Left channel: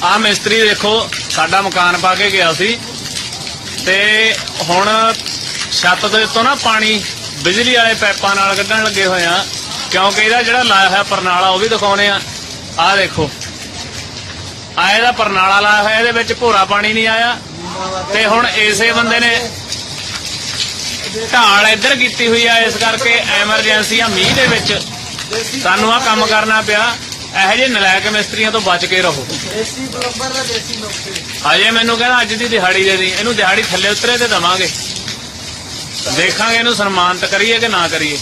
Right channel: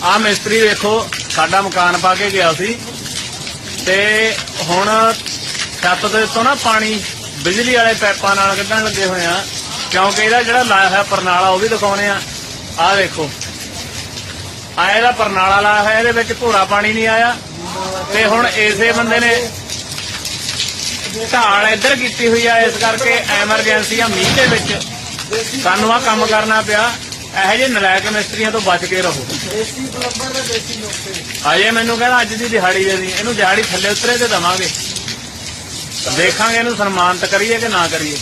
आ मिस्त्री देखो साडा मकान पा के गया सी ते हुण छत दे उत्तों ना पानी बिजली वाले पैपां नाल कड्ढण लगे होए आ क्योंकि इहदा जिहड़ा लाया होया परनाला वो भी दिखाउने आ देखो आ इहदा परनाला लाया होया इहदे विच भोरा पानी नहीं आया ते हुण इसे बंदे ने ढाल इधर की हुई है इस करके एमरजेंसी मीह के विच सानू आ काम करना पिया। ਇਹੋ ਜਿਹੇ ਨਲਾਇਕ ਮਿਸਤਰੀਆਂ ਤੋਂ ਬਚ ਕੇ ਰਹੋ। ਦੇਸੀ ਪਲੰਬਰ ਦਾ ਦੇਸੀ ਨੁਕਤੇ ਆਏ ਮੈਨੂੰ ਕਹਿੰਦਾ ਅੱਜ ਦੀ ਦਿਹਾੜੀ ਦੇ ਦੀ ਇਹਨੂੰ ਦਿਹਾੜੀ ਥੱਲੇ ਉਤਰੇ ਤੇ ਦਵਾਂਗੇ ਦੇਖਾਂਗੇ ਇਹਨੂੰ ਸਨਮਾਨਿਤ ਕਰੀਏ ਕਿ ਨਾ ਕਰੀਏ।